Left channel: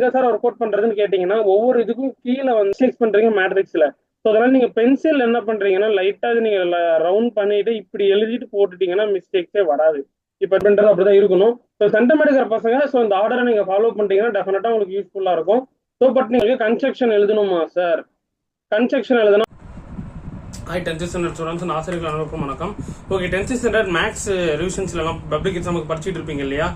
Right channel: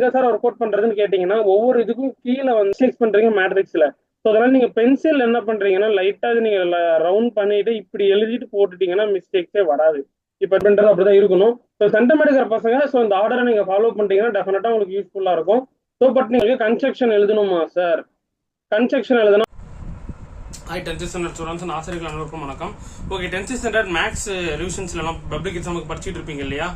எங்க sir work out பண்றதுன்னு கேட்டீங்கன்னா ஒவ்வொரு இதுக்கும் கீழே வந்து மிஸ்டேக்ஸ் பண்றீங்க மேட்ரிக்ஸ்ல. ஸோ அதனால நீங்க பென்சில் என்ன பண்றீங்கன்னா லைட்டா நீங்க ரவுண்ட் பண்ணிட்டு இப்படி எழுதிட்டு போட்டுட்டீங்கன்னா மிஸ்டேக்ஸே வராது. இப்ப பண்றது அப்படிதான் இருக்கணும். ஸோ சென்டம் எடுக்கிற பசங்க ஸோ இந்த ஆர்டரை நீங்க ஃபாலோ பண்ணிட்டீங்கன்னா டெஃபினட்டா உங்களுக்கு யூஸ்ஃபுல்லா இருக்கும். ஸோ பட் நீங்க கன்ஸ்ட்ரக்ஷன் எழுதணுமா சார்? கன்ஸ்ட்ரக்ஷன் எழுதணும். ஹாய் 10th ஸ்டாண்டர்ட் ஸ்டூடெண்ட்ஸ், ஆசிரியர்கள் அனைவருக்கும் வணக்கம். ஓகே, 10th ஸ்டாண்டர்ட் மேக்ஸ் ரிவிஷன்ஸ்ல எல்லாம் பப்ளிக் எக்ஸாமுக்கு படிச்சுட்டு இருப்பீங்க இல்லையா?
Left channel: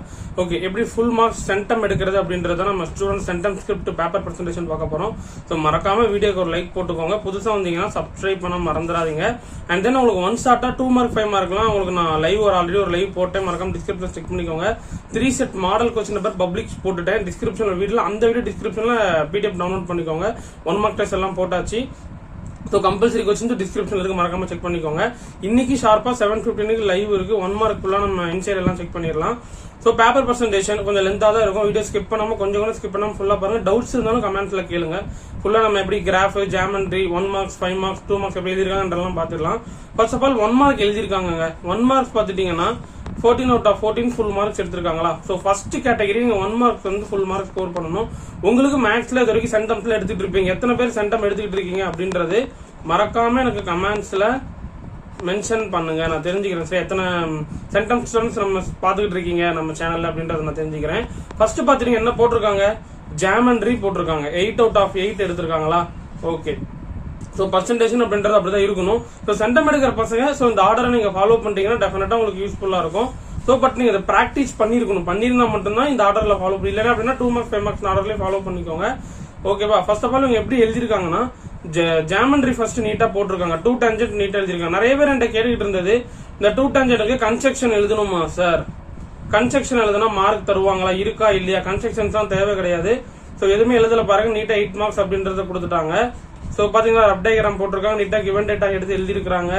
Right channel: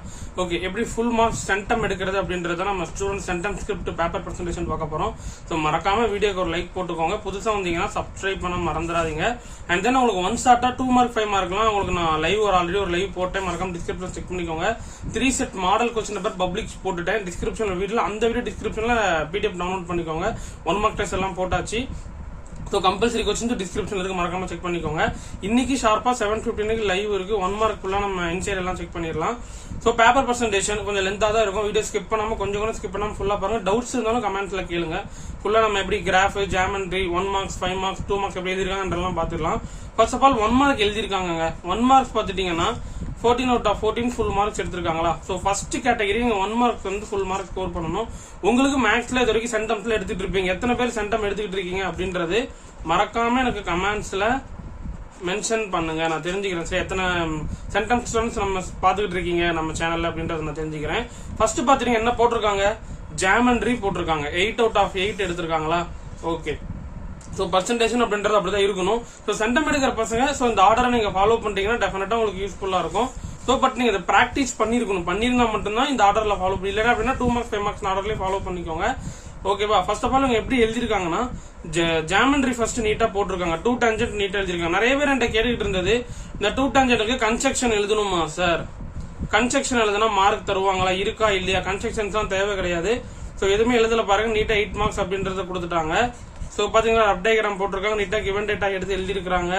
ஓகே, எப்படி ஃபுல் மார்க்ஸ் சென்டம் எடுக்கிறது அப்படின்றத நம்ம student centum script paper presentation பார்க்க போறோம். ஸோ மறக்காம வீடியோக்கு ஒரு லைக் போட்டுக்கோங்க. புதுசா வந்தீங்கன்னா சப்ஸ்கிரைப் பண்ண மறந்துடாதீங்க. அண்ட் தென் உங்களுக்கு 1 ஷார்ட்டா 2 மார்க் 5 மார்க்லாம் உங்களுக்கு நான் லைவ் ஆல்ரெடி ஒரு லைவ் போட்டேன், மறக்காம டிஸ்கிரிப்ஷன் செக் பண்ணிக்கோங்க. 3 set model question paper public போட்டுட்டேன் டிஸ்கிரிப்ஷன்ல. வீடியோ அந்த வீடியோ டிஸ்கிரிப்ஷன்ல பிடிஎஃப் டவுன்லோட் பண்ணிக்கோங்க. 1 மார்க் டெஸ்ட் எல்லாம் போட்டாச்சு. ஸோ கம்பல்சரி கொஸ்டின் டிஸ்கிரிப்ஷன்ல இருக்கு, மறக்காம செக் பண்ணிக்கோங்க. இன்னைக்கு ஷார்ப்பா 7:15 லைவ் இருக்கு. 1 மார்க் ஃபுல்லா நம்ம இன்சைட் எல்லாம் செக் பண்ணிடலாம். ஸோ பேப்பர் பிரசன்டேஷன் கொஞ்சம் லென்த்தா தான் இருக்கும். வீடியோ ஸ்கிப் பண்ணாம கொஞ்சம் ஸ்கிப் பண்ணாம ஃபுல்லா பாருங்க. டவுட்ஸ் இருந்தாலும் கமெண்ட்ஸ்ல கேளுங்க. ஃபுல்லா நம்ம எப்படி graph, geometry, 1 marks 5 marks 2 marks எப்படி எழுதிருக்காங்கன்றலாம் பாத்துக்கலாம். ஃபர்ஸ்ட் ஆஃப் ஆல் 1 மார்க் எழுதிருக்காங்க. 1 மார்க்ஸ் பாத்துட்டீங்கன்னா 14 out of 14 ஃபுல் மார்க்ஸ் எடுத்திருக்காங்களா? சோ ஃபர்ஸ்ட் கேட்டகரி நீங்க 1 மார்க் வந்து ஃபுல் மார்க் ஸ்கோர் பண்ணணும். உங்களுக்கு மேக்ஸ்ல இது வரைக்கும் சென்டம்ஸ்ல எடுத்துட்டு இருப்பீங்க. எத்தனை பேர் சென்டம் எடுத்துக்கிட்டு இருக்கீங்க அப்படின்றது மறக்காம எனக்கு கமெண்ட்ஸ்ல மென்ஷன் பண்ணுங்க, நான் தெரிஞ்சுக்கிறேன். சார் எத்தனை சென்டம் ஸ்டூடெண்ட்ஸ் நம்ம பாத்துக்கிட்டு இருக்கீங்க நம்ம சேனல்ல அப்படின்றத நான் தெரிஞ்சுக்கிறேன். ஃபர்ஸ்ட் பாத்தீங்கன்னா என்ன போட்டிருக்காங்க? ஜாமெண்ட்ரி போட்டிருக்காங்க. 8 out of 8 எடுத்திருக்காங்களா? ஓகே, சோ பர்சன்டேஜ் அப்படின்றது அப்படிதான் இருக்கணும். சோ சென்டம் எடுக்கிற பசங்க சோ இந்த ஆர்டரை நீங்க ஃபாலோ பண்ணிட்டீங்கன்னா டெஃபினட்டா உங்களுக்கு யூஸ்ஃபுல்லா இருக்கும். சோ பட் நீங்க இதை பிராக்டிஸ் பண்ணிருக்கணும். பண்ணிருந்தா மட்டும்தான் இந்த ஆர்டர்ல ஃபாலோ பண்ணி, இல்லைன்னா அப்படின்னா 2 மார்க்ஸ் 5 மார்க்ஸ் ஆர்டர்லயே ஃபாலோ பண்ணிக்கோங்க. ஓகேவா? ஃபர்ஸ்ட் ஆஃப் ஆல் இவங்க எப்படி எழுதிருக்காங்கன்னா ஜாமெண்ட்ரி ஃபர்ஸ்ட் நீட்டா போட்டிருக்காங்க. 2 டான்ஜென்ட் நீட்டா எழுதிருக்காங்க. நிறைய பேர் என்கிட்ட கேட்டுக்கிட்டு இருந்தது, இந்த 2 டான்ஜென்ட்க்கு கன்ஸ்ட்ரக்ஷன் எழுதணுமா சார்? கன்ஸ்ட்ரக்ஷன் எழுதுனா மார்க் தருவாங்களா, இருக்கா இல்லையா? கன்ஸ்ட்ரக்ஷன்ஸ் தான் தேவை கிடையாது. சோ எதுவுமே எழுதல பாருங்க, நீட்டா 8 மார்க்ஸ் அப்படின்றத கொடுத்துட்டாங்க. சோ பாத்தீங்கன்னா அப் டயகிராம் போட்டிருக்காங்க, நீட்டா கிவன் டேட்டா எடுத்து எழுதிருக்காங்க.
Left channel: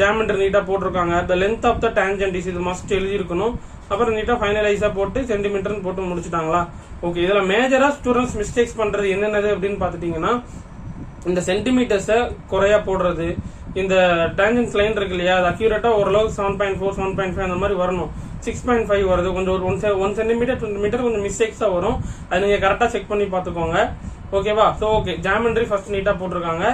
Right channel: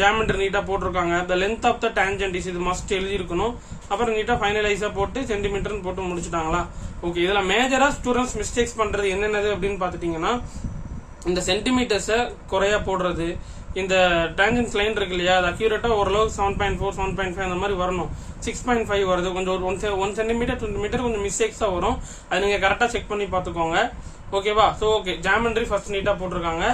ஜாமெண்ட்ரி நீட்டா போட்டிருக்காங்க. The length of the tangent is இது மஸ்ட் எழுதிருக்கணும். அப்புறம் நீட்டா ஃபைனலைஸா போட்டு சென்டிமீட்டர் போட்டு முடிச்சுட்டாங்களா? ஓகே, இதுல மேஜரா ஸ்டூடெண்ட்ஸ் மிஸ்டேக்ஸ் பண்றது என்னென்னது அப்படின்னு பாத்துட்டீங்கன்னா, இந்த சென்டிமீட்டர்ஸ குறையா போடுறது, இந்த டான்ஜென்ட் லைன் இருக்கு இல்லையா, அது அக்யூரேட்டா ஓரளவுக்கு 7.4 7.5 அந்த மாதிரி வரணும். 6.5 வருது, கொஞ்சம் 1 சென்டிமீட்டர் 2 மீட்டர் கொஞ்சம் மிஸ்டேக்ஸா வரும். அது நீங்க கரெக்டா செக் பண்ணி பாத்துக்கோங்க. ஓகேவா? சோ ஓகே, ஜாமெண்ட்ரி ஃபர்ஸ்ட் நீட்டா போட்டிருக்காங்க.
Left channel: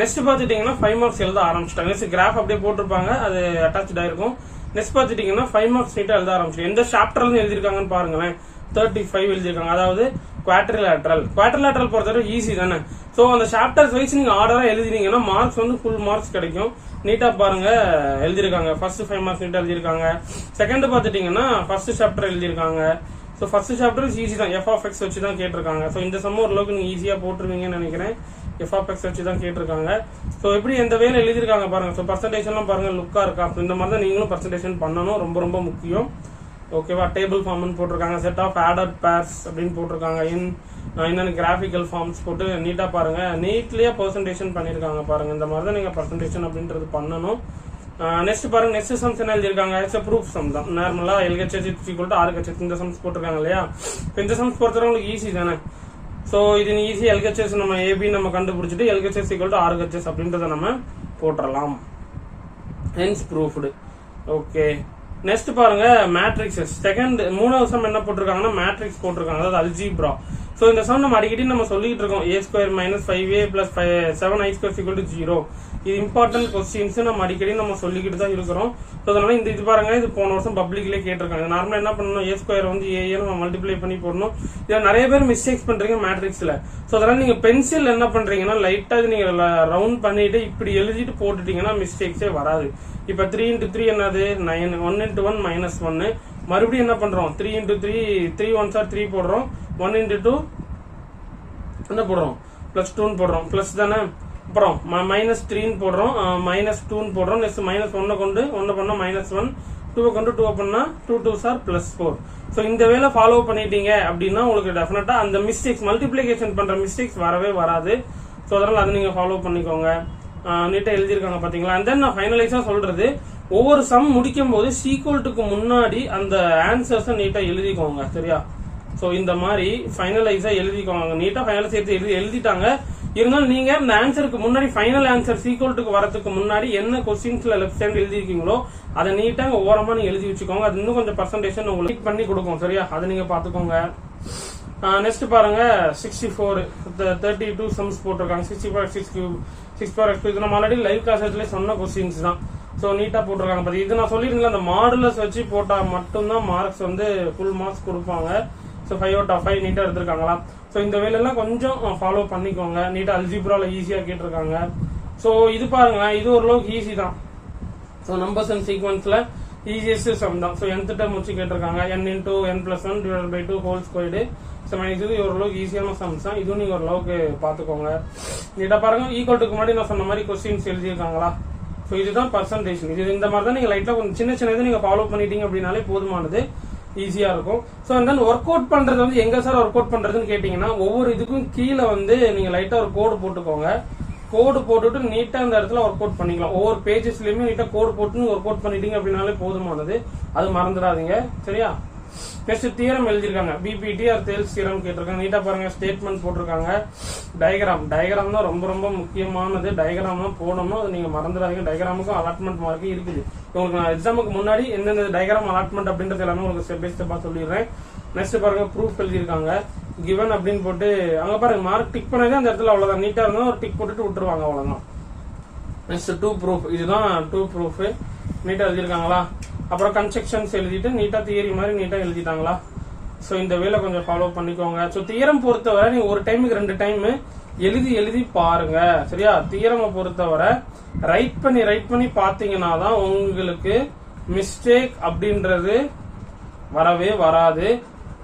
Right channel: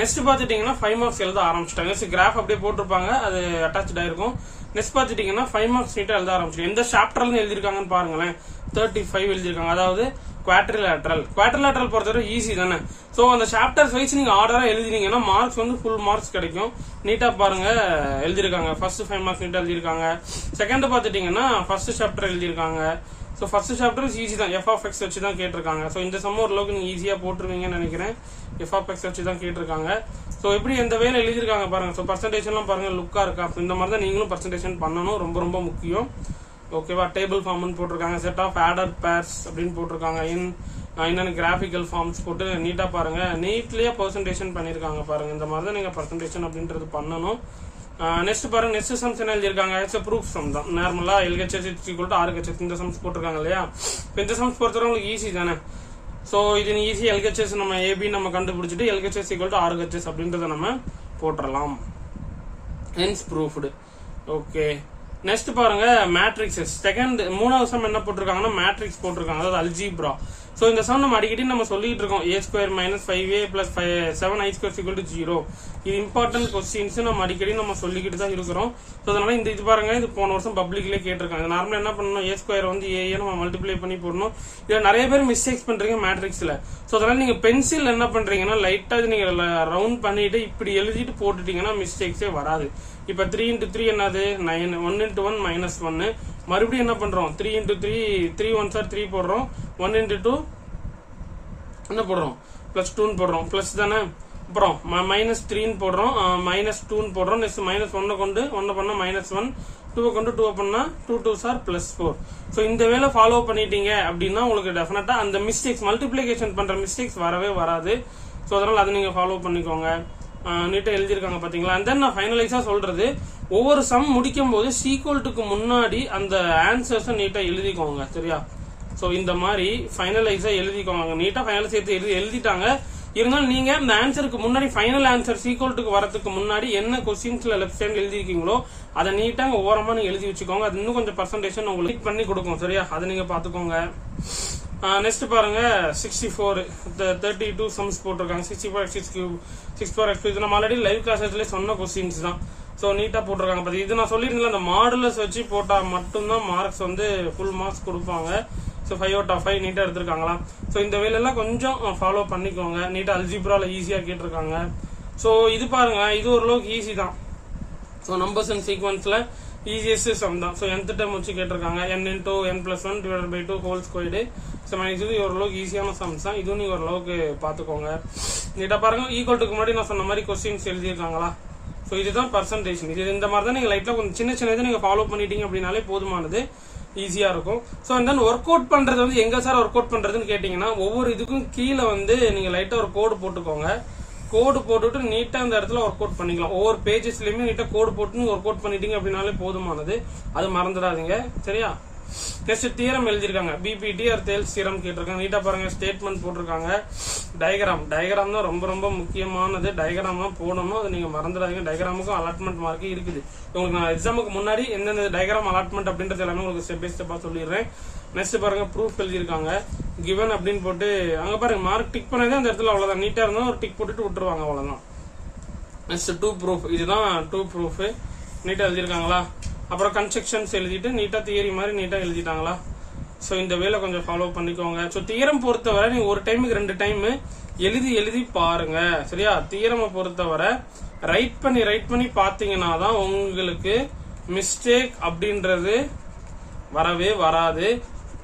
நெக்ஸ்ட் பாத்துட்டீங்கன்னா 5 மார்க்ஸ் எழுத ஆரம்பிச்சிட்டாங்க. நெக்ஸ்ட் கிராஃப் அப்படியே போட்டிருப்பாங்க, அது அட்டாச் ஆயிருக்கும். நெக்ஸ்ட் பாத்துட்டீங்கன்னா 5 மார்க்ஸ் நீட்டா எழுத ஆரம்பிச்சு. எந்த சாப்டர்ல இருந்து எழுதிருக்காங்கன்னு பாருங்களேன். 35 எழுதிருக்காங்க. அதாவது குவாட்ரிலேட்டரல் பொறுத்தவரை ஈஸி தானே. சோ அந்த சாப்டர்ஸ் வைஸ் நீங்க ஆர்டரா எழுதினீங்கன்னா மார்க்ஸ் வந்து ஃபுல் மார்க்ஸ் கிடைக்கும். நீட்டா பாருங்க எழுதிருக்காங்க. ஃபர்ஸ்ட் 5 மார்க்ஸ் நீட்டா எழுதிருக்காங்க. செகண்ட் பாத்துட்டீங்கன்னா ஃபர்ஸ்ட் சாப்டர் எழுதிருக்காங்க. சோ ஃபர்ஸ்ட் சாப்டர் ஈஸி தான், எஃப் ஆஃப் எக்ஸ் வச்சு தான் கேட்டிருக்காங்க. சோ இந்த சம் ஓரளவுக்கு நீங்க ஈஸியா போட்டுருவீங்கன்னு நினைக்கிறேன். எஃப் ஆஃப் எக்ஸ் வச்சு தான் கேட்டிருக்காங்க. சோ எப்படி எந்த வேலை எழுதிருக்காங்க பாருங்க. சோ பர்சன்டேஜ் எல்லாம் பாருங்க லுக்கா இருக்கா? இந்த மாதிரி தான் நீங்களும் பர்சன்டேஜ் பண்ணணும், ரொம்ப ரொம்ப முக்கியம். ஓகேவா? டேபிள் ஃபார்ம் போட்டிருக்காங்க, செட் ஆஃப் ஆடட் பேர்ஸ் அப்படின்னு போட்டிருக்காங்க. என்னன்னு கிராபிக்கல் ஃபார்ம்ஸ் போட்டு நீட்டா பாருங்க, நீட்லயே பர்சன்டேஜ் பண்ணிருக்காங்க பாருங்க. இந்த மாதிரி தான் நீங்க பர்சன்டேஜ் அப்படின்றது பண்ணணும். நெக்ஸ்ட் பாருங்க, நெக்ஸ்ட் சம்ஸ் என்ன எழுதிருக்காங்க? இட்ஸ் ப்ரூஃப் சம் தான். நார்மலா LHS RHS இந்த சம்ஸ் போட்டிருக்காங்க இல்லையா? இந்த சம்ஸ் பொறுத்தவரை உங்களுக்கு ஈஸி தானே. சோ இது ஈஸி. LHS நம்ம AB நம்ம கண்டுபிடிச்சிட்டு LHS RHS அப்படின்றத நம்ம போட்டுறலாம். Hence proved. ஓகே, நெக்ஸ்ட் பாருங்க மேட்ரிக்ஸஸ். மூணாவது சம் என்ன போட்டிருக்காங்கன்னா மேட்ரிக்ஸ் போட்டிருக்காங்க, அதாவது அல்ஜீப்ரா. சோ இந்த சம் நம்ம அடிக்கடி நம்ம சொல்லிட்டு இருக்கோம், a² - 5a + 7i² 0. இது இம்பார்ட்டன்ட் கொஸ்டின்ஸ் நம்ம அடிக்கடி நம்ம சொல்லிக்கிட்டு தான் இருக்கிறோம். சோ அதனால இந்த இது பாருங்க, இது போன வருஷம் பப்ளிக்லயே கேட்டிருக்காங்க. நார்மலா என்ன பண்ணணும், a² வந்து a நம்ம மல்டிப்ளை பண்ணி போடணும். இதுல நிறைய பேர் மிஸ்டேக்ஸ் பண்றீங்க மேட்ரிக்ஸ்ல. சோ அதனால நீங்க பென்சில் என்ன பண்றீங்கன்னா லைட்டா நீங்க ரவுண்ட் பண்ணிட்டு இப்படி எழுதிட்டு போட்டுட்டீங்கன்னா மிஸ்டேக்ஸே வராது. இப்ப 3 × 3 என்னது 9, 1 × 1 -1. மறுபடியும் என்ன பண்றோம், 3 × 3 3 1s are 3 போடுறோம். 1 × 2 என்ன போடுறோம், +2 போடுறோம். பிளஸ் தானே. அப்புறம் -3 போடுறோம், -2 போடுறோம். நெக்ஸ்ட் -1 கொண்டு 1 பண்ணா -1, 2 கொண்டு 2 பண்ணா 2 2s are +4. சோ இந்த வேலை ஃபாலோ பண்ணிட்டீங்க அப்படின்னா உங்களுக்கு டெஃபினட்டா அந்த மிஸ்டேக்ஸ் மல்டிப்ளிகேஷன் பண்ற மிஸ்டேக்ஸ் வரவே வராது. சோ அதனால அதை நீங்க ஃபாலோ பண்ணிக்கோங்க. நீட்டா எழுதிருக்காங்க பாத்தீங்களா? அண்ட் தென் நான் ஃபைனலைஸா சொல்றது, ஒவ்வொரு சம் முடிக்கும் போது சீக்வல்ட்டுக்கு முன்னாடி அந்த ஆன்சர்ஸ் நீட்டா எழுதிக்கோங்க, சரியா? சோ இந்த மாதிரி ஃபைனலைஸா எழுதிக்கோங்க. நீட்டா ஃபைனலைஸ் எழுதிட்டாங்க. இருந்தாலும் நீங்க இந்த ஆன்சருக்கு முன்னாடி ஃபைனல் ஆன்சர் சீக்வல்ட்டுக்கு வரதுக்கு முன்னாடி என்ன கொஸ்டின்ஸ்ல லெஃப்ட் சைடு எழுதிருக்கீங்களோ அதை நீட்டா ஓரமா நீங்க எழுதி வச்சுக்கோங்க. அது இன்னும் கொஞ்சம் பர்சன்டேஜ் உங்களுக்கு பண்ணி கொடுக்கும், சரியா? அதை நீங்க பாத்துக்கோங்க. நெக்ஸ்ட் பாருங்க 64 32 சம்ஸ் போட்டிருக்காங்க. 64 x cube 6 x இது நம்ம ஆல்ரெடி லைவ் கிளாஸ்ல சொன்ன கொஸ்டின்ஸ் தான். ஸோ நீட்டா போட்டிருக்காங்க. பட் இது நான் சொல்லியிருந்தேன், அந்த மாடுலஸ் வச்சு போட்டா மட்டும்தான் மார்க்ஸ் வந்து ஃபுல் மார்க்ஸ் கொடுப்பாங்க. ஸோ 5 out of 5 நீட்டா எடுத்திருக்காங்களா. ஸோ இந்த வேலையெல்லாம் கொஞ்சம் ஃபாலோ பண்ணிக்கோங்க. நீட்டா அல்ஜிப்ரால ஈஸியா கேட்டிருக்காங்க. ஸோ இது பாருங்க, இது ஓரளவுக்கு ஈஸி தான். ஸோ நம்பர்ஸ் அண்ட் சீக்வன்ஸ்ல ஈஸியஸ்ட் சம் தான். ஸோ nth டேர்ம் வச்சு கேட்டிருக்காங்க. n into n plus 1 divided by 2 whole squared. So இது ஓரளவுக்கு ஈஸியான சம்ஸ் தான். இதுவும் நீங்க ஓரளவுக்கு பாத்துக்கோங்க. நீட்டா பாருங்க, ஈக்குவல்ட்டுக்கு முன்னாடி நான் சொன்ன மாதிரி கொஸ்டின்ஸ் எழுதியிருக்காங்களா. ஸோ இதுதான் பர்சன்டேஜ். இது இந்த மாதிரி தான் நீங்க லைட்டா கொஞ்சம் சின்ன சின்னது நீங்க ஃபாலோ பண்ணிட்டீங்க அப்படின்னாலே போதுமானது, ஈஸியா இருக்கும். ஸோ தென் ஒர்க் அவுட் பண்றது வந்து எங்க சார் ஒர்க் அவுட் பண்றதுன்னு கேட்டீங்கன்னா, ஒவ்வொரு இதுக்கும் கீழே வந்து நீங்க லைட்டா ஒரு கோடு போட்டுக்கோங்க. கோடு போட்டுட்டு நீட்டா இந்த இடத்துல ஒர்க் அவுட் பண்ணிக்கலாம். ஒவ்வொரு பேஜஸ்லயுமே நீட்டா கோடு போட்டு ஒர்க் அவுட் பண்ணிட்டீங்க அப்படின்னாலே போதுமானது. அது மறந்துடாதீங்க, சரியா. நெக்ஸ்ட் தியரம் எழுதிருக்காங்க. பிபிடி ஆர் தேல்ஸ் தியரம் கேட்டிருக்காங்க. நீட்டா பாருங்க, ஸ்டேட்மெண்ட் போட்டிருக்காங்க. டயக்ராம் தான் ரொம்ப ரொம்ப முக்கியமானது. டயக்ராம் தான் போடணும், அது நீங்க மறந்துடாதீங்க. டயக்ராமுக்கும் அலாட்மெண்ட் மார்க் இருக்குது. உங்களுக்கு நான் எக்ஸாமுக்கு முன்னாடி எந்தெந்த டயக்ராம் அலாட்மெண்ட் அப்படின்றது எல்லாமே உங்களுக்கு ஸ்டெப் பை ஸ்டெப்பா சொல்லிடுறேன். நெக்ஸ்ட் பாருங்க, ப்ரூஃப் எழுதிருக்காங்க. கிவன் அப்படின்னு போட்டு அங்க பாருங்க, மார்க் டிக் பண்ணதே அந்த இடத்துல அவ்வளவுதான். நீட்டா இருந்தாலும் ஒரு டிக் போட்டுட்டு விட்டுருவாங்க, அவ்வளவுதான். நெக்ஸ்ட் 2 ப்ரூஃப், இதுதான் 2 ப்ரூஃப். நீட்டா எழுதிருக்காங்களா. அப்புறம் கன்ஸ்ட்ரக்ஷன்ஸ் எழுதிட்டு நீட்டா தியரி மாதிரி நீட்டா எழுதிட்டாங்களா. ஸோ இந்த வேலை கொஞ்சம் ஃபாலோ பண்ணிக்கோங்க. ஸோ தியரம் பொறுத்தவரை நீங்க ஒரு டைமுக்கு 2 டைம் எழுதி பாருங்க, சரியா. தியரமை பொறுத்தவரை ரைட் பண்ணி பாத்தீங்கன்னா தான் உங்களுக்கு மிஸ்டேக் அப்படின்றது வரவே வராது.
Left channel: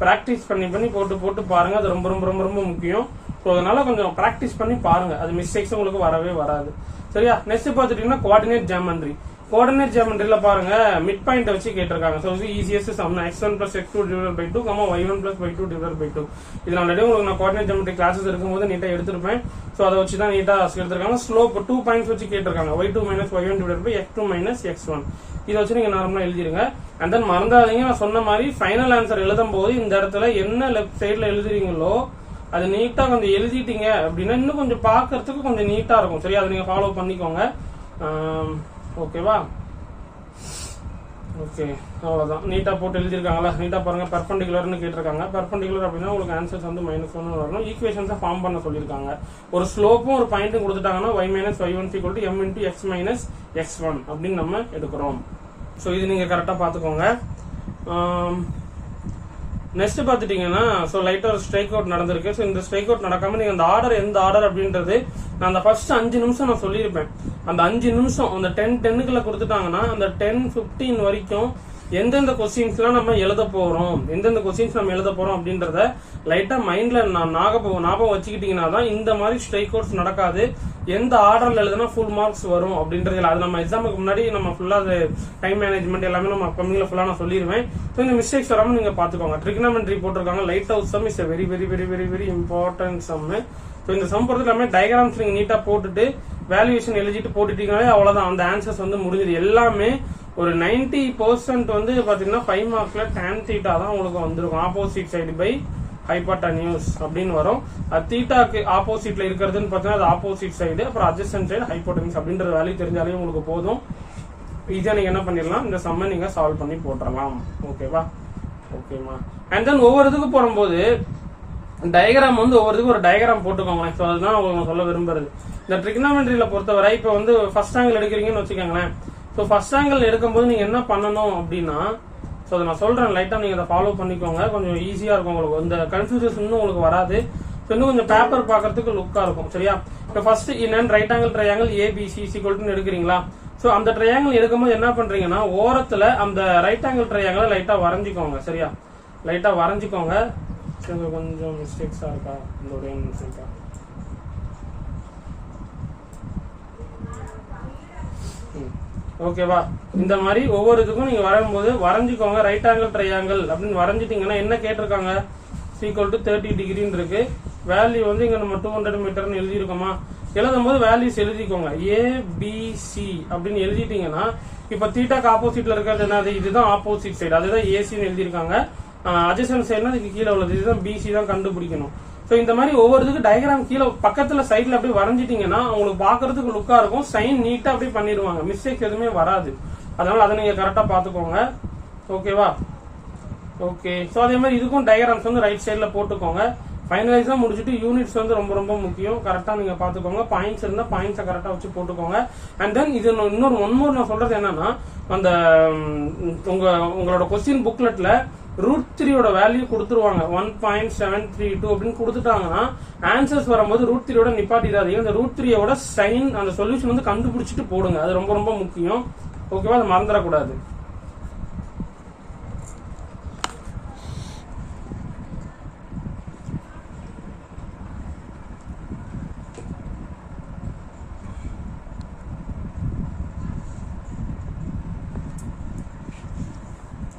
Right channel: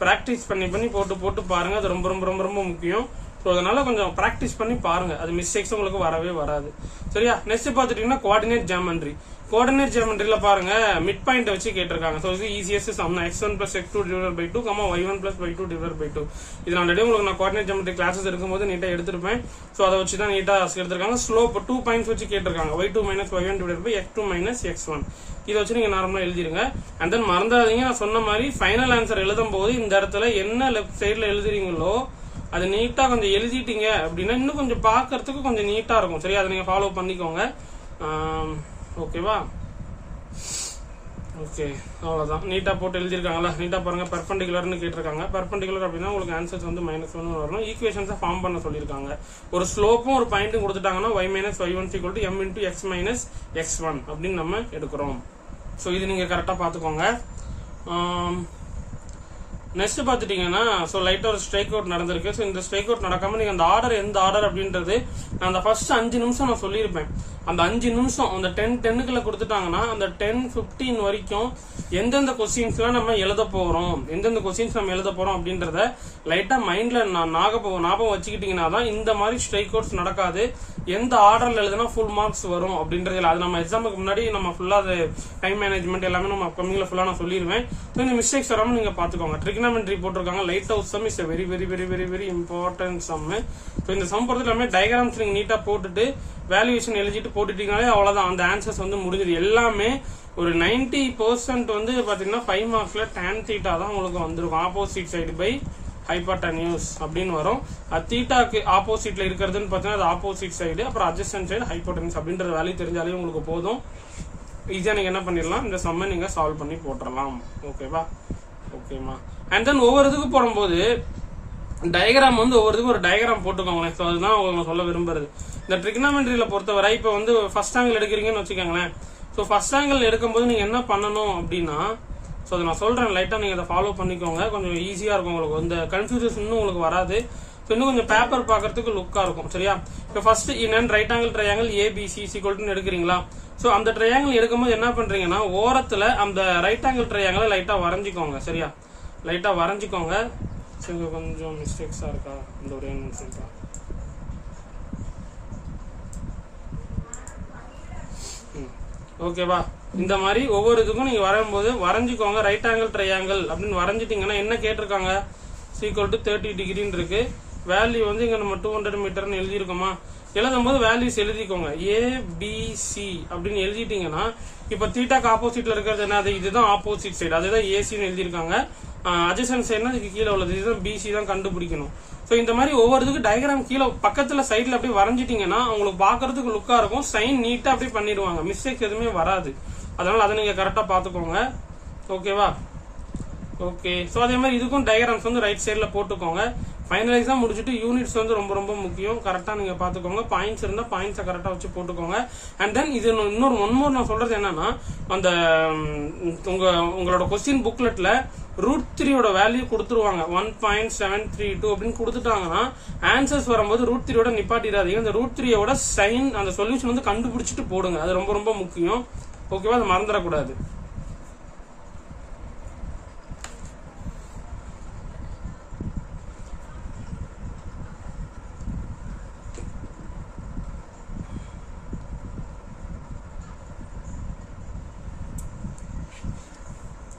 பிராக்டிஸ் பண்ணி போட்டு பாருங்க, அது ரொம்ப ரொம்ப ரொம்ப ரொம்ப முக்கியம். ஸோ அதனால கொஞ்சம் பிராக்டிஸ் பண்ணி பாருங்க, அது மிஸ்டேக்ஸ் உங்களுக்கு வரவே வராது, சரியா. நெக்ஸ்ட் பாத்துட்டீங்கன்னா கோஆர்டினேட் ஜியோமெட்ரியில பாருங்க, மிட் பாயிண்ட் வச்சு கேட்டிருக்காங்க. ஸோ இது easiest sum. x1 plus x2 divided by 2, y1 plus y2 divided by 2. இது ஆல்ரெடி உங்களுக்கு நான் கோஆர்டினேட் ஜியோமெட்ரி கிளாஸஸ் இருக்கும்போது நீட்டா எடுத்திருப்பேன். ஸோ அதை வச்சு தான் நீட்டா எடுத்திருக்காங்க. ஸ்லோப் 2 பாயிண்ட்ஸ் வச்சு கேட்டிருக்காங்க. y2 minus y1 divided by x2 minus x1. இதை வச்சு நீங்க நார்மலா எழுதிருங்க. அண்ட் தென் மறந்தாதீங்க, நான் சொன்ன மாதிரி ஃபைனல் ஆன்சர் எழுதும் போது இந்த இடத்துல என்ன லெஃப்ட் சைட்ல எழுதுறீங்களோ அது நீட்டா கொஞ்சம் எழுதிட்டீங்க அப்படின்னா இன்னும் கொஞ்சம் பாக்குறதுக்கு கொஞ்சம் நீட்டா இருக்கும், சரியா. அதை நீங்க ஃபாலோ பண்ணிக்கோங்க, ஓகேவா. ஓகே, அவ்வளவுதான். நீட்டா போட்டு எழுதிருக்காங்களா. நீட்டா பாருங்க, பெர்பெண்டிகுலர்னு கேட்டிருக்காங்க. பெர்பெண்டிகுலர் அப்படின்னா உங்களுக்கு ஆன்சர்ஸ் வந்து -1 வரணும். ஈக்குவேஷன்ஸை ஃபார்ம் பண்ண சொல்லியிருக்காங்க. ஒரு ஸ்லோப்பும் ஒரு பாயிண்ட்டும் கொடுத்துட்டாங்கன்னா y minus y1 equal to m into x minus x1 அப்படின்னு நம்ம எடுக்கிறோம். ஸோ இது நீங்க கரெக்டா பாத்துக்கோங்க. நெக்ஸ்ட் பாத்துட்டீங்கன்னா, ஸோ லைட்டா ஒரு ஸ்ட்ரைக் அவுட் நடந்திருக்கு. ஸோ இந்த ஸ்ட்ரைக் அவுட் நடக்காம நீங்க அந்த ஆர்டர் எந்த ஆர்டர் அப்படின்றது நான் அந்த ஃபர்ஸ்ட் 5 நிமிஷம் நான் சொல்லியிருப்பேன். அந்த 5 நிமிஷம் அந்த 10-10க்குள்ள கொடுத்துட்டாங்கன்னா அந்த 10-15 வரைக்கும் எந்தெந்த கொஸ்டின்ஸ் எல்லாம் நம்ம எழுத போறோம், எந்தெந்த கொஸ்டின்ஸ் நம்ம எழுத போறோம் அப்படின்றத லைட்டா மைண்ட்ல ஞாபகம் வச்சுக்கிட்டீங்கன்னா தான் இந்த மாதிரி ஸ்ட்ரைக் அவுட்ஸ் நடக்காது. எந்த ஆர்டர்ல எழுதுனா ஃபுல் மார்க்ஸ் வரும் அப்படின்றது அது நம்ம எக்ஸாமுக்கு முன்னாடி நம்ம ஃபுல்லா அது டைம் மேனேஜ்மெண்ட் எல்லாமே நம்ம கம்மியில ஃபுல்லா நான் சொல்லிடுவேன். ஸோ இந்த மிஸ்டேக்ஸ் வராம நீங்க பாத்துக்கோங்க. ட்ரிகனாமெட்ரி போட்டிருக்காங்க. Light house sum is very very very very very important sum. So இந்த சம் பொறுத்து எல்லாமே டயக்ராம்ஸ் நீங்க நீட்டா போட்டுட்டு வேல்யூவேஷன் எழுதிட்டு போட்டுட்டீங்கனாலே அவ்வளவுதான், அந்த ஆன்சர்ஸ் வந்து முடிஞ்சது. எல்லாமே ஒரு 90% வந்து பாத்தீங்கன்னா 5 மார்க்ஸ்ல tan θ தான் உங்களுக்கு வந்திருக்கும். ஆப்போசிட் சைடு பை ஹைபாட்டன்யூஸ் அப்படின்னு வரும். தீட்டாக்கு ஆப்போசிட்ல இருக்கிறதுன்னு பாத்தீங்கன்னா அது ஆப்போசிட் சைடு, அப்புறம் அட்ஜஸ்டன்ட் சைடு ஹைபாட்டன்யூஸ் அப்படின்ற வேல்யூ தெரிஞ்சாலே உங்களுக்கு போதும். ஈஸியா நீங்க என்ன பண்ணிடலாம், இந்த சம்மை நீங்க சால்வ் பண்ணி போட்டுடலாம். ஓகேவா, ஓகேமா. அண்ட் தென் ஒவ்வொரு இதுக்கு போடும்போது டயக்ராம் வந்து ஒவ்வொருத்துக்கும் ஒரு டயக்ராம் போட்டுக்கோங்களேன். ஸோ அதுதான் உங்களுக்கு சொல்ல விரும்புறது. இந்த ட்ரிகனாமெட்ரியில பொறுத்தவரை இப்போ வந்து ஃபர்ஸ்ட் ஆங்கிள் எடுக்கிறீங்கன்னு வச்சுக்கோங்களேன். ஸோ ஃபர்ஸ்ட் ஆங்கிள் எடுக்கும்போது நீங்க என்ன பண்ணணும் அப்படின்னா, ஸோ அதை நான் சொல்றேன், லைட்டா நீங்க அதை ஃபாலோ பண்ணிக்கோங்க. கொஞ்சம் ஈஸியா இருக்கும் உங்களுக்கு, இந்த கன்ஃபியூஷன் இன்னும் உங்களுக்கு வராது. ஸோ இன்னும் கொஞ்சம் பேப்பர் பார்க்கறதுக்கு லுக்கா இருக்கும், சரியா. இப்போ ஃபர்ஸ்ட் என்னன்னு right angle triangle ABC equal எடுக்கிறீங்களா. ஸோ அந்த ட்ரையாங்கிள் எடுக்கும்போது என்ன பண்றீங்கன்னா, ஓரத்துல அந்த ரைட் ஆங்கிள் ட்ரையாங்கிளை லைட்டா வரைஞ்சிக்கோங்க, சரியா. லைட்டா வரைஞ்சிக்கோங்க. கொஞ்சம் மிஸ்டேக்ஸா இருக்கா, இந்த ஒரே நிமிஷம் தான். ஓகேவா. இந்த மாதிரி ஒவ்வொரு இதுக்கும் நீங்க வரும்போது வரைஞ்சிக்கோங்க. ரைட் ஆங்கிள் ட்ரையாங்கிள் அப்படின்னு வரைஞ்சிட்டீங்கன்னா என்ன கேட்டிருக்காங்க, ஈக்குவல் டு 30 டிகிரின்னு இருக்கு. வேல்யூ வந்து இங்க நம்ம 200 மீட்டர்னு எழுதிருக்கோமா. எழுதும் போது வேல்யூஸ் எழுதிக்கோங்க. ஏபிசி அப்படின்னு எழுதிட்டீங்கன்னா இப்ப தீட்டாக்கு ஆப்போசிட்ல இருக்கிறது என்னது, இதுதான் ஆப்போசிட் சைடு, அதுதான் ஏசின்னு எழுதிருக்காங்க. அட்ஜசன்ட் சைடுனா இதுக்கு கீழே உள்ளது, இதுதான் பிசி தான் கண்டுபிடிக்கணும். ஸோ இந்த மாதிரி ஒவ்வொருத்துக்கு டயக்ராம் கீழே பக்கத்துல சைட்ல அப்படியே வரைஞ்சிட்டீங்கன்னா உங்களுக்கு பாக்குறதுக்கு லுக்கா இருக்கும். சைன் நீட்டா அப்படியே பண்ணிடுவாங்க, மிஸ்டேக்ஸ் எதுவுமே வராது. அதனால அதை நீங்க கரெக்டா பாத்துக்கோங்க, ஓகேவா. ஓகே. ஸோ அதே மாதிரி இதுக்கும் டயக்ராம்ஸ் வந்து ரைட் சைட்ல போட்டுக்கோங்க. ஃபைனலைஸா முடிச்சுட்டு யூனிட்ஸ் வந்து ரொம்ப ரொம்ப முக்கியம். கரெக்டா நீங்க பாத்துக்கோங்க. பாயிண்ட்ஸ் இருந்தா பாயிண்ட்ஸை கரெக்டா வச்சு போட்டுக்கோங்க. அண்ட் தென் இது ஒன் மோர் நான் சொல்றது என்னன்னா, அந்த உங்களோட கொஸ்டின் புக்லெட்ல √3 வேல்யூ கொடுத்துருவாங்க. 1.732 அப்படின்னு கொடுத்துட்டாங்கன்னா ஆன்சர்ஸ் வரும்போது √3 நிப்பாட்டிடாதீங்க. அந்த √3 சைன் அந்த சொல்யூஷன் வந்து கண்டுபிடிச்சிட்டு போடுங்க. அது ரொம்ப ரொம்ப முக்கியம். ஓகேவா? அது மறந்துடக்கூடாது.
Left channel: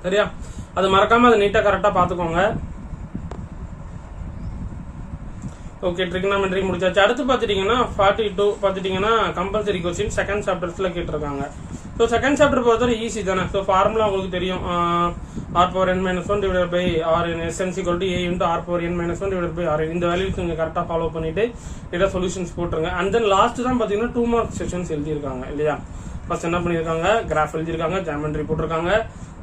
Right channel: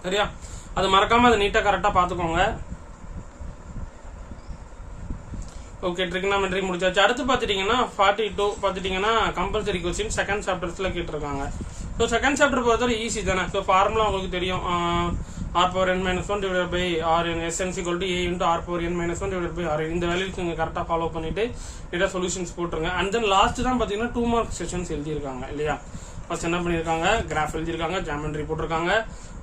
சரியா? அது மறக்காம அதை நீட்டா கரெக்டா பாத்துக்கோங்க. ஓகே, ட்ரிகனாமெட்ரி முடிச்சாச்சு. அடுத்து பாத்துட்டீங்கன்னா 42 பாத்துட்டீங்கன்னா கம்பல்சரி கொஸ்டின் செகண்ட் சாப்டர்ஸ்ல கேட்டிருக்காங்க. ஸோ செகண்ட் சாப்டர் பொறுத்தவரை ஈஸி தானே. ஸோ ஃபார்முலா உங்களுக்கு தெரியும். r⁻n−1 divided by rn sn = a × r⁻n−1 divided by rn. இந்த வேல்யூஸ் நீங்க கரெக்டா ஃபாலோ பண்ணிட்டு இதை சொல்யூஷன்ஸ் போட்டுருங்க. அண்ட் தென் லாஸ்ட் தான் பாத்தீங்கன்னா 2 மார்க் செஷன்ஸ் எழுதியிருக்காங்க இல்லையா? ஃபர்ஸ்ட் என்ன பண்ணிருக்காங்க, கிராஃப் எழுதிருக்காங்க, ஜாமெட்ரி போட்டிருக்காங்க.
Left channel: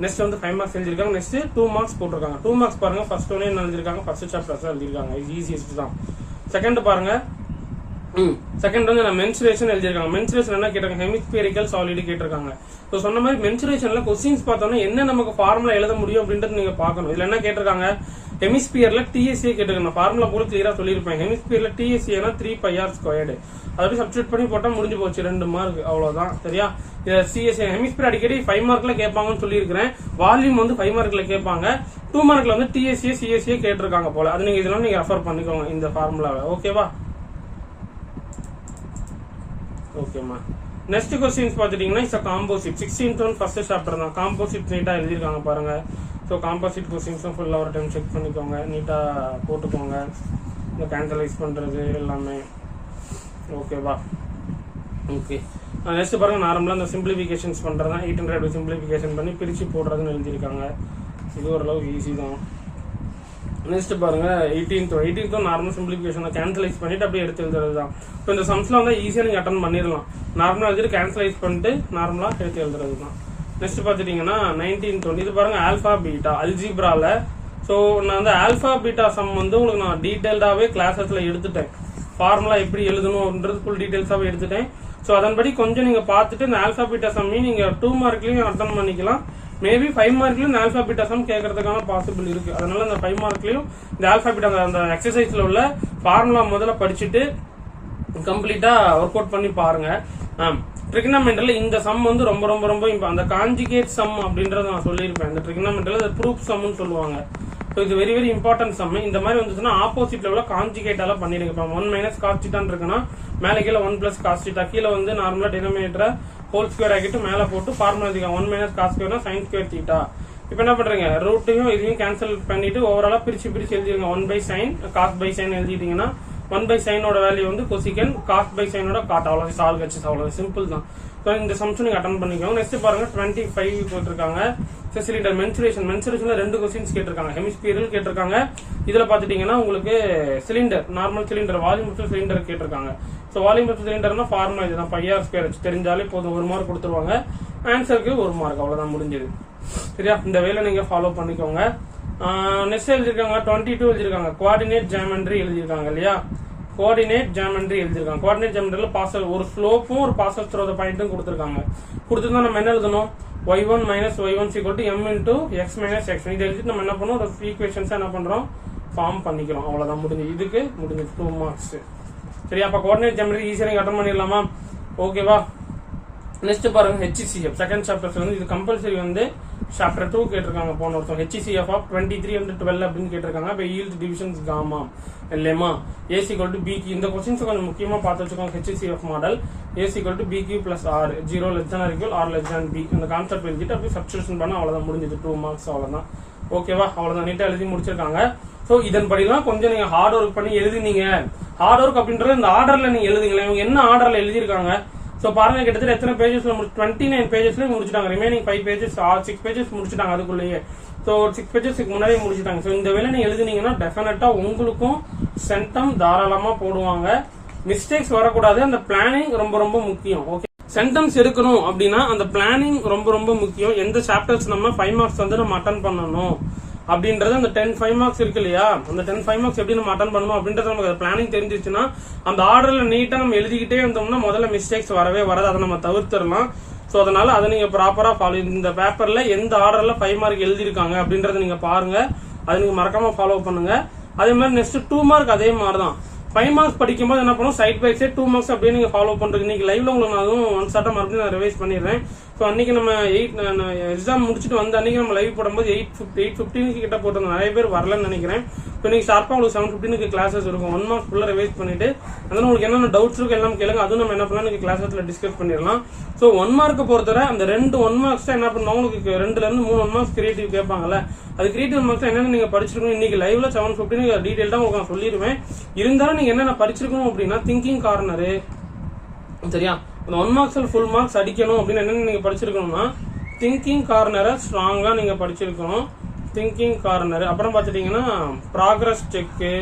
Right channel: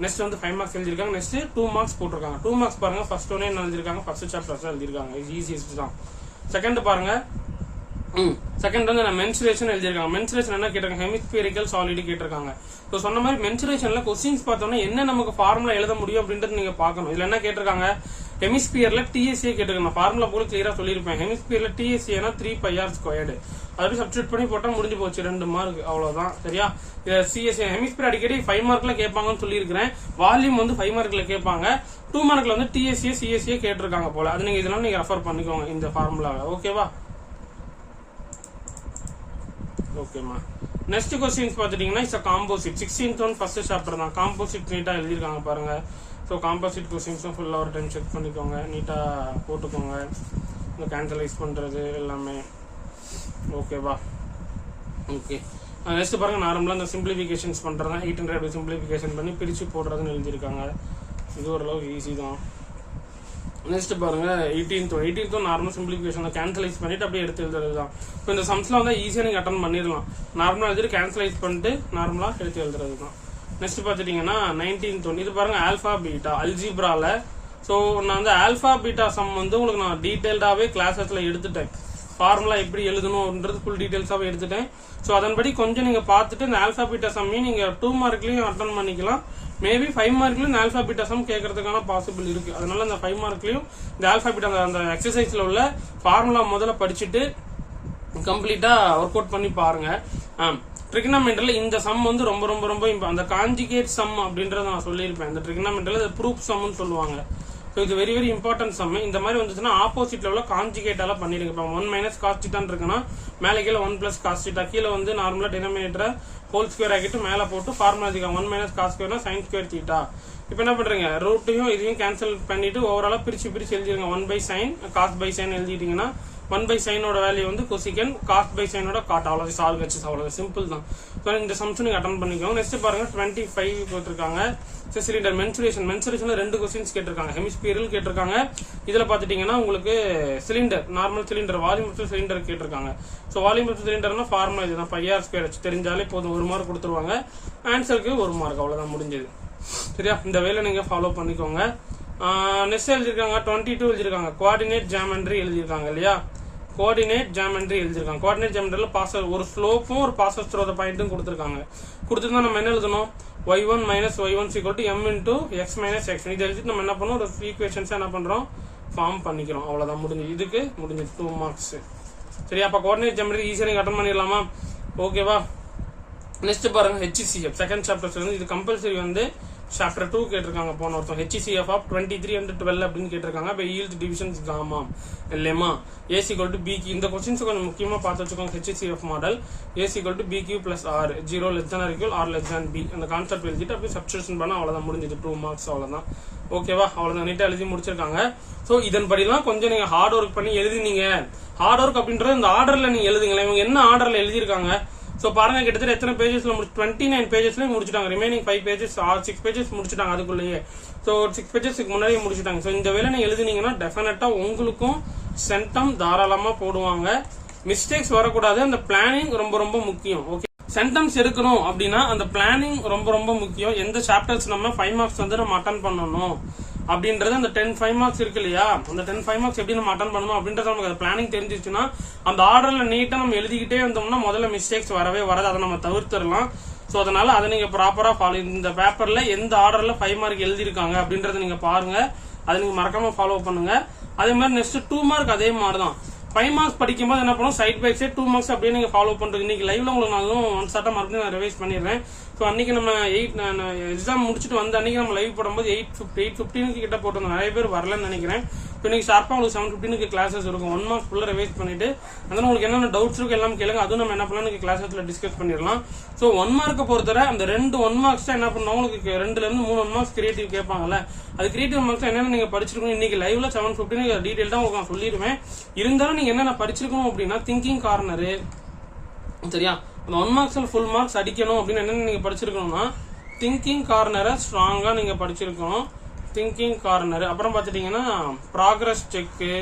நெக்ஸ்ட் வந்து 5 மார்க்ஸ் எழுதிருக்காங்க. நெக்ஸ்ட் 2 மார்க்ஸ் போட்டிருக்காங்க. 2 மார்க்ஸ் பாருங்க, ஃபர்ஸ்ட் ஒன்னே என்ன எழுதிருக்காங்க, ஃபர்ஸ்ட் சாப்டர்ஸ் எழுதிருக்காங்க. ஈஸியஸ்ட் தான். செகண்ட் பாருங்க, செகண்ட் வந்து நான் மென்சுரேஷன் எழுதிருக்காங்க. மென்சுரேஷன் என்ன கேட்டிருக்காங்க, ஹெமிஸ்பியரிக்கல் சாலிட் கேட்டிருக்காங்க. ஸோ சொன்ன மாதிரி மென்சுரேஷன்ல கொஸ்டின்ஸ் பார்த்தோம்னா என்ன நமக்கு ஃபார்முலா எழுத முடியும் அப்படின்றது நீங்க பார்க்கணும். இதுல என்ன கேட்டிருக்காங்க, ஹெமிஸ்பியர்ல டிஎஸ்ஏ கேட்டிருக்காங்க. ஃபார்முலா போல கிளியரா சொல்லியிருப்பேன். ஹெமிஸ்பியர்ல டிஎஸ்ஏனா 3πr². அதாவது சப்ஸ்டியூட் பண்ணி போட்டா முடிஞ்சு போச்சு, 2 மார்க் அவ்வளவுதான். சரியா? சிஎஸ்ஏ ஹெமிஸ்பியர் அடிக்கடி 5 மார்க்ல கேட்பாங்கன்னு சொல்லியிருக்கிறேன். வால்யூம் வந்து 5 மார்க்ல கேட்பாங்க. 2 மார்க்ல வந்து டிஎஸ்ஏ சிஎஸ்ஏ கேட்டிருக்காங்க போல. அது நீங்க இதெல்லாம் நீங்க ரெஃபர் பண்ணிக்கோங்க இந்த ஃபார்முலாவை. ஓகேவா? ஓகேமா. நெக்ஸ்ட் கொஸ்டின்ஸ் பாத்துட்டீங்கன்னா it's composite. 16th one first chapter தான். காம்போசிட் நீட்டா எழுதிருக்காங்க பாருங்க. ஸோ காம்போசிட் கொஸ்டின்ஸும் ஃபுல்லா ஒரு டைம் செக் பண்ணிக்கோங்க, நீட்டா போட்டுக்கோங்க. இந்த கேன்சலைஸ் பண்றது எல்லாமே ஓகேவா? ஓகே. நெக்ஸ்ட் பாருங்க, நார்மலா இந்த சிம்பிளிபிகேஷன்ஸ் பண்றதா 800 சிம்பிளிபிகேஷன் பண்ணி பிரிச்சு போடுறதுன்னு எழுதியிருக்காங்க. இது ஓரளவுக்கு ஈஸி தான். நெக்ஸ்ட் பாருங்க 18th நார்மல் சிம்பிளிபிகேஷன் கேன்சலைஸ் பண்ணிட்டு அப்படியே எடுத்து எழுதுறது தான். ஸோ இந்த சம்ஸ்ல வந்து ஈஸியா நீங்க அட்டன் பண்ணிடலாம். நார்மலா எழுதிட்டு கேன்சலைஸ் பண்ணிட்டு நார்மலா எடுத்து எழுதுறது தான். நெக்ஸ்ட் பாத்துட்டீங்கன்னா 19th இது பாருங்க ஆல்பா பீட்டா அல்ஜிப்ரால. ஸோ நான் வந்து ஆல்பா பீட்டா சம் வந்து உங்களுக்கு நான் டீடைல்டாவே கிளாஸஸ்ல எடுத்துட்டேன். ஃபார்முலா எப்படி எழுதணும்ன்றது ஃபுல் டீடைல்ஸாவே எடுத்துட்டேன். ஸோ அதன்படி கொஞ்சம் நீங்க பார்த்துட்டு இந்த ஆல்பா பீட்டா சம்மையும் நீங்க 2 மார்க்லயும் அட்டன் பண்ணிக்கலாம். மேபி 5 மார்க்லயும் இந்த ஆல்பா பீட்டா சம் கேட்கறதுக்கான பாசிபிள் இருக்கு. அதனால இந்த 5 மார்க்லயும் இந்த ஆல்பா பீட்டா அந்த எக்ஸசைஸ்ல உள்ள ஃபார்முலா முதல்ல படிச்சுட்டு கம்ப்ளீட்டா ஒர்க் அவுட் பண்ணி பாருங்க. ட்ரிகனாமெட்ரில இந்த சம் வந்து ரொம்ப ரொம்ப ரொம்ப அந்த கான்ஜுகேட் சம் அப்படின்றத நான் சொல்லியிருப்பேன். இந்த ட்ரிகனாமெட்ரில ப்ரூஃப் சம்னு சொல்லுவாங்க. ஸோ இது வெரி வெரி இம்பார்ட்டன்ட் சம். இந்த மாதிரி வந்துச்சுன்னா ஆப்போசிட்ல உள்ள கான்ஜுகேட்டால பண்ணிருங்க. இப்போ 1 - cos θ இருக்குன்னா மேல கீழே 1 + cos θ, கீழே வந்து நார்மலா டினாமினேட்டரை ஹோல் ஸ்கொயர் ஆகிட்டு மேல போட்டு ஃபார்முலா எழுதிக்கலாம். 1 - cos ஸ்கொயர்னா sin²θ. இப்போ என்ன பண்றீங்க, ரூட்டையும் இதையும் கேன்சல் பண்ணிட்டு ஓவராலா பிரிச்சு எழுதிருங்க. 1/sin cos/sin எழுதிட்டீங்கன்னா 1/sin வேல்யூ வந்து கொசிகன், cos/sin காட். அவ்வளவு சால்வ் வச்சு அவ்வளவு சிம்பிள் தான். ஸோ இந்த சம்ஸ் நீங்க அட்டன் பண்ணிக்கோங்க. நெக்ஸ்ட் பாருங்க 25 கொடுத்துருக்காங்க. சிலிண்டர் மென்சுரேஷன்ல 2 கொஸ்டின்ஸ் கேட்டிருக்காங்க. ஹெமிஸ்பியரல் கேட்டிருக்காங்க. இதுல பாத்துட்டீங்கன்னா உங்களுக்கு cylinder, normal cylinder, volume cylinder கேட்டிருக்காங்க. ஸோ வால்யூம் சிலிண்டர்னா ஃபார்முலா இதுதான், πr² தெரிஞ்சாலே போதும், 1 மார்க் கொடுத்துருவாங்க. ஆன்சருக்கு 1 மார்க், அவ்வளவுதான் முடிஞ்சது. சரியா? இந்த வேலை நீங்க ஃபாலோ பண்ணிக்கோங்க. நெக்ஸ்ட் எழுதிருக்காங்க 22 எழுதிருக்காங்க. கோஆர்டினேட் ஜாமெட்ரி எழுதிருக்காங்க இல்லையா? கோஆர்டினேட் ஜாமெட்ரி எழுதிருக்காங்க. கோஆர்டினேட் ஜாமெட்ரில ஒரு ஸ்லோப்பும் ஒரு பாசஸ் த்ரூ தி பாயிண்ட்டும் கொடுத்திருக்காங்க. கொடுத்திருந்தா நம்ம என்ன எழுதணும், y1 - y1 = m × x - x. இது எழுதிட்டு நம்ம என்ன பண்ணோம், ஒரு ஈக்குவேஷன்ஸ் என்ன பண்றோம், ஃபார்ம் பண்ணிக்கிறோம். அவ்வளவுதான் முடிஞ்சு. இதுக்கு முடிஞ்சு 2 மார்க்ஸ். சரி, அப்ப கோஆர்டினேட் ஜாமெட்ரி ஈஸியா நீங்க அட்டன் பண்ணிடலாமா? ஓகேவா? நெக்ஸ்ட் பாருங்க HCF செகண்ட் சாப்டர்ஸ் வந்து இது கம்பல்சரி வந்து சாப்டர் 2 கேட்டிருக்காங்க. போன வருஷம் HCF ஆஃப் 23 and 12 அப்படின்னு கேட்டிருக்காங்க. இப்போ Euclid divisions comma lemma A = BQ. இந்த கொஸ்டின்ஸ் கொஞ்சம் முக்கியமா பார்த்து வச்சுக்கோங்க. HCF model A = BQ + R 0 ≤ R ≤ B. இந்த கான்செப்ட் எழுதிட்டு அப்படியே சப்ஸ்டிடியூஷன் பண்ண அவ்வளவுதான் முடிஞ்சது. 2 மார்க்ஸ் அவ்வளவுதான். ஓகேவா? அவ்வளவுதான், நீட்டா எழுதி முடிச்சிருக்காங்க. சோ இதன்படிலாம் கொஞ்சம் நீங்க ஹார்ட் ஒர்க் பண்ணி எழுதினீங்க. ஹார்ட் ஒர்க் அப்படின்றது இந்த ஆர்டர்ல நீங்க எழுதுங்களேன். இவங்க என்ன ஆர்டர்ல எழுதிருக்காங்க சோ பாருங்க, கிட்டத்தட்ட எத்தனை பேஜஸ்ல 29 பேஜஸ்ல முடிச்சிட்டாங்க. ரிமைனிங் 5 பேஜஸ் 6 பேஜஸ் முடிச்சிட்டாங்க அதுக்குள்ளேயே. சோ 6 பேஜஸ்க்கு முன்னாடியே முடிச்சிட்டாங்க. சோ இந்த வேலை நீங்க எழுதுனீங்கன்னா டெஃபினட்டா உங்களுக்கும் சென்டம் தாராளமா போடுவாங்க. மிஸ்டேக்ஸ் வரக்கூடாது. அந்த பிளானிங் ரொம்ப ரொம்ப முக்கியம். ஓகே, சென்டம்ஸ் எடுக்கணும் அப்படின்னா அந்த பிளானிங் ரொம்ப ரொம்ப முக்கியம். எந்த சாப்டர்ஸ் நம்ம 5 மார்க்ஸ் வந்து நம்ம அட்டன் பண்ணணும் அப்படின்றது அந்த 10 5 மார்க்ஸ் இருக்கு இல்லையா, அந்த 10 5 மார்க்ஸ் எப்படி நம்ம அட்டன் பண்ணணும் அப்படின்றது நமக்கு பிளானிங் தெரிஞ்சிச்சுன்னா அந்த ஆர்டர்ல நீட்டா நம்ம எழுதிக்கிட்டே வந்தோம்னா முதல்ல மிஸ்டேக்ஸ் வரவே வராது, அதை நம்ம தவிர்த்திடலாம். சோ அதனால அதை நீங்க ப்ராப்பரா ஃபாலோ, இந்த பேப்பர்ல எந்த ஆர்டர்ல 5 மார்க் எழுதிருக்காங்க அப்படின்றத நீங்க பாருங்க, அதை நீங்க மறக்காம ஃபாலோ பண்ணுங்க. அதே மாதிரி நெக்ஸ்ட் 2 மார்க் அதே மாதிரி தான். 5 மார்க்ஸ் படிக்கும்போது என்ன பண்ணும், சைட் பை சைட் 2 மார்க்ஸ் அப்படியே நீங்க ஃபாலோ பண்றீங்க. இன்னைக்கு லைவ்ல உங்களுக்கு நான் அதுவும் ஒன் ஷார்ட்டா மறுபடியும் நான் ரிவைஸ் பண்ணிடுறேன். ஸோ அன்னைக்கு நம்ம எக்ஸாம் முடிச்சுட்டு வந்து அன்னைக்கு நம்ம லைவ் போடும்போது 8:15 கிட்ட போட்டிருந்தோம், நிறைய பேர் வரலன்னு நினைக்கிறேன். இப்போ இன்னைக்கு ஷார்ப்பா உங்களுக்கு 7:15 கிளாஸஸ் இருக்கும். 1 மார்க் ஃபுல்லா ரிவைஸ் பண்ணிட்டு அதனால உங்களுக்கு என்னென்ன டவுட்ஸ் இருக்கு எல்லாம் கேளுங்க, அதுவும் நம்ம என்ன பண்ணலாம் கிளாஸஸ்ல டிஸ்கஸ் பண்ணிடலாம். ஸோ 1 மார்க்கை பொறுத்தவரை அந்த 2 1 மார்க்ஸ் என்ன பண்ணுவோம், உங்களுக்கு 2ல இருந்து 3 1 மார்க்ஸ் கிரியேட்டிவ் கேட்பாங்கல்ல, அது கிரியேட்டிவ் மார்க்ஸ் என்னென்ன நீங்க படிச்சிருக்கணும் இன்னைக்கு லைவ்ல 7:15 டீடைல் தான் உங்களுக்கு நான் சொல்லிடுவேன். இருந்தாலும் நீங்க என்னென்ன படிச்சிருக்கணும் அப்படின்னா திங்கிங் கார்னரு, சரியா, 1 மார்க்ஸ்ல ஃபுல் மார்க்ஸ் அடிக்கணும் அப்படின்னு என்னென்ன நீங்க படிச்சிருக்கணும்னா திங்கிங் கார்னரை ஸ்ட்ராங்கா நீங்க படிச்சிருக்கணும். திங்கிங் கார்னர், அப்புறம் பாத்துட்டீங்கன்னா ப்ராக்ரஸ் செக்கு,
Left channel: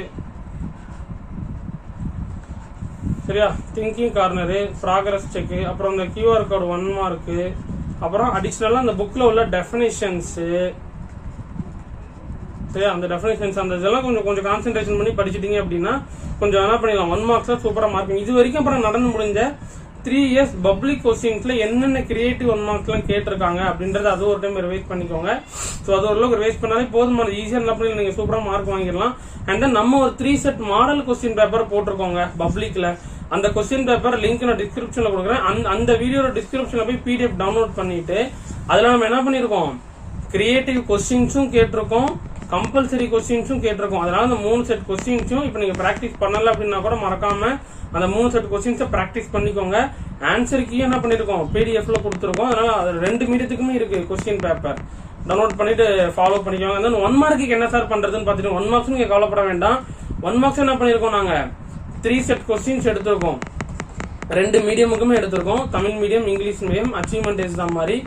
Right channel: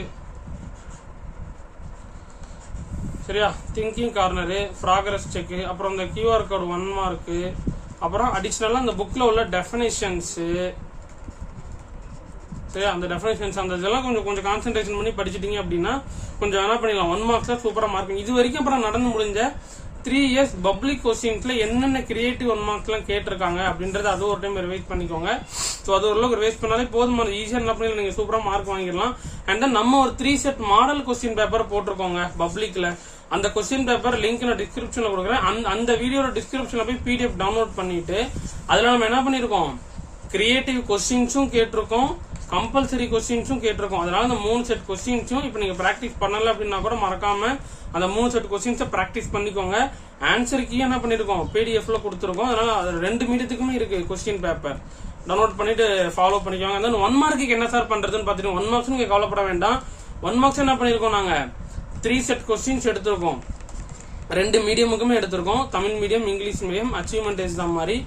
சரியா, திங்கிங் கார்னரு, ப்ராக்ரஸ் செக்கு, அப்புறம் இந்த QR கோட் 1 மார்க்கு, அப்புறம் அடிஷனலா அந்த புக்ல உள்ள டெஃபினேஷன்ஸ், சரியா, அந்த டெஃபினேஷன்ஸ் அந்த இதெல்லாம் கொஞ்சம் கான்சென்ட்ரேஷன் பண்ணி படிச்சிட்டீங்க அப்படின்னா கொஞ்சம் என்ன பண்ணிடலாம், 1 மார்க்ஸ்ல சூப்பரா மார்க். இது வரைக்கும் அப்புறம் நடந்து முடிஞ்ச 3 இயர்ஸ் பப்ளிக் கொஸ்டின்ஸ்ல என்னென்ன கிரியேட்டிவ் 1 மார்க்ஸ் எல்லாம் கேட்டிருக்காங்க அப்படின்றத அது ஒரு டைம் ரிவைஸ் பண்ணிக்கோங்க. சோ அது ஓரளவுக்கு ரிவைஸ் பண்ணாலே போதுமான, ஈஸியா என்ன பண்ணி நீங்க சூப்பரா மார்க் வாங்கிடலாம். அண்ட் தென் நம்ம ஒரு 3 செட் மாடல் கொஸ்டின் பேப்பர் போட்டிருக்கோங்க பப்ளிக்ல. அந்த கொஸ்டின் பேப்பர் லிங்க் நான் டிஸ்கிரிப்ஷன்ல கொடுக்குறேன். அந்த வீடியோட டிஸ்கிரிப்ஷன்ல போய் PDF டவுன்லோட் பண்ணிட்டு அதுல நம்ம என்ன பண்ணிருக்கோம், கிரியேட்டிவ் கொஸ்டின்ஸும் கேட்டிருக்கோம், கம்பல்சரி கொஸ்டின்ஸும் கேட்டிருக்கோம். அதனால அந்த 3 செட் கொஸ்டின்ஸும் இப்ப நீங்க பிராக்டிஸ் பண்ணல அப்படின்னா கூட மறக்காம அந்த 3 செட் கொஸ்டின்ஸை பிராக்டிஸ் பண்ணிக்கோங்க. ஆன்சர் கீ என்ன பண்ணிருக்கோம், PDF-ல கொடுத்துருக்கோம். அதனால 2 மீடியத்துக்குமே இருக்கு கொஸ்டின் பேப்பர், டவுன்லோட் பண்ணிட்டு ஃபாலோ பண்ணிக்கோங்க. அந்த 1 மார்க்குக்கு என்ன சார் பண்றதுன்னு பாத்துட்டு 1 மார்க்ஸ் நீங்க கவலைப்பட வேண்டாம். 1 மார்க்ஸ் என்ன பண்ணிருக்கோம், நாங்க 3 செட் கொஸ்டின்ஸ் எடுத்திருக்கோம். 2 மீடியமுக்குமே எடுத்திருக்கோம், Tamil medium English medium achievement exam மாதிரி.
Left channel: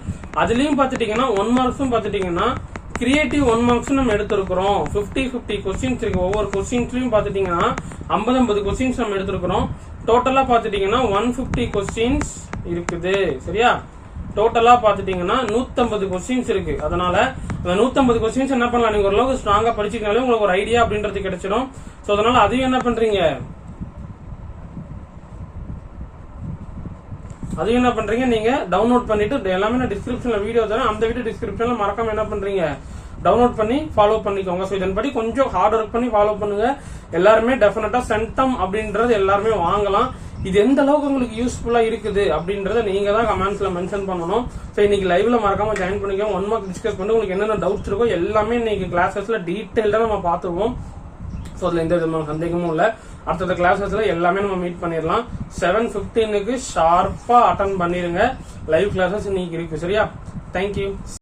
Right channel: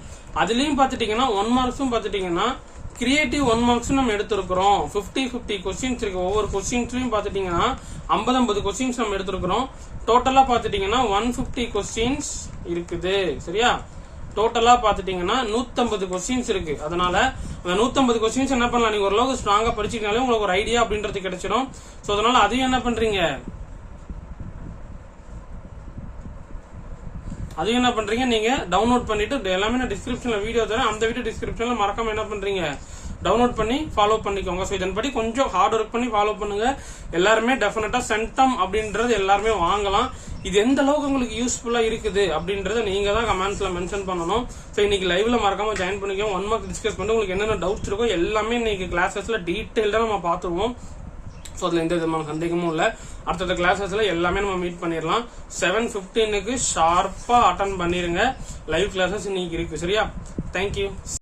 அதுலயும் பாத்துட்டீங்கன்னா 1 மார்க்ஸும் பாத்துட்டீங்கன்னா கிரியேட்டிவ் 1 மார்க்ஸ் நம்ம எடுத்திருக்கிறோம். 50 கொஸ்டின்ஸ் இருக்கு, ஒவ்வொரு கொஸ்டின்ஸ்லயும் பாத்துட்டீங்கன்னா 50 கொஸ்டின்ஸ் நம்ம எடுத்திருக்கிறோம். டோட்டலா பாத்துட்டீங்கன்னா 150 கொஸ்டின்ஸ் இருக்குது, சரியா. டோட்டலா பாத்துட்டீங்கன்னா 150 கொஸ்டின்ஸ் இருக்கு. அதனால அந்த 150 கொஸ்டின்ஸ் என்ன பண்ணலாம், நீங்க ஓரளவுக்கு ஸ்ட்ராங்கா படிச்சிருக்கீங்களே உங்களுக்கு ஒரு ஐடியா அப்படின்றது கிடைச்சிடும். சோ அதனால அதையும் என்ன பண்றீங்க, நீங்க டவுன்லோட் பண்ணிட்டு எல்லாமே நான் டிஸ்கிரிப்ஷன்ல வீடியோ தரேன், அந்த வீடியோ டிஸ்கிரிப்ஷன்ல மறக்காம என்ன பண்றீங்க டவுன்லோட் பண்ணி ஃபாலோ பண்ணிக்கோங்க. சோ இதன்படி கொஞ்சம் ஹார்ட் ஒர்க் பண்ணி ஃபாலோ பண்ணுங்க. எல்லாருமே டெஃபினட்டா சென்டம் அப்படின்றது எல்லாருமே வாங்கலாம். இது எந்த அளவுக்கு உங்களுக்கு யூஸ்ஃபுல்லா இருக்குது அப்படின்றத நீங்க தான் கமெண்ட்ஸ்ல மென்ஷன் பண்ணணும். சோ இன்னைக்கு லைவ்ல மறக்காம ஜாயின் பண்ணிக்கோங்க. 1 மார்க் டிஸ்கஸ் பண்ணி உங்களுக்கு என்னென்ன டவுட்ஸ் இருக்கோ எல்லாமே இன்னைக்கு கிளாஸஸ்ல டீடைல்டா நம்ம பாத்துருவோம். சோ அதுல எந்த விதமான சந்தேகமும் இல்ல. அடுத்த கிளாஸஸ்ல எல்லாமே நம்ம மீட் பண்ணிடலாம். 7:15 ஷார்ப்பா அட்டன் பண்ணிருங்க. லைவ் கிளாஸஸ் இன்னைக்கு இருக்கு, சரியா. தேங்க்யூ.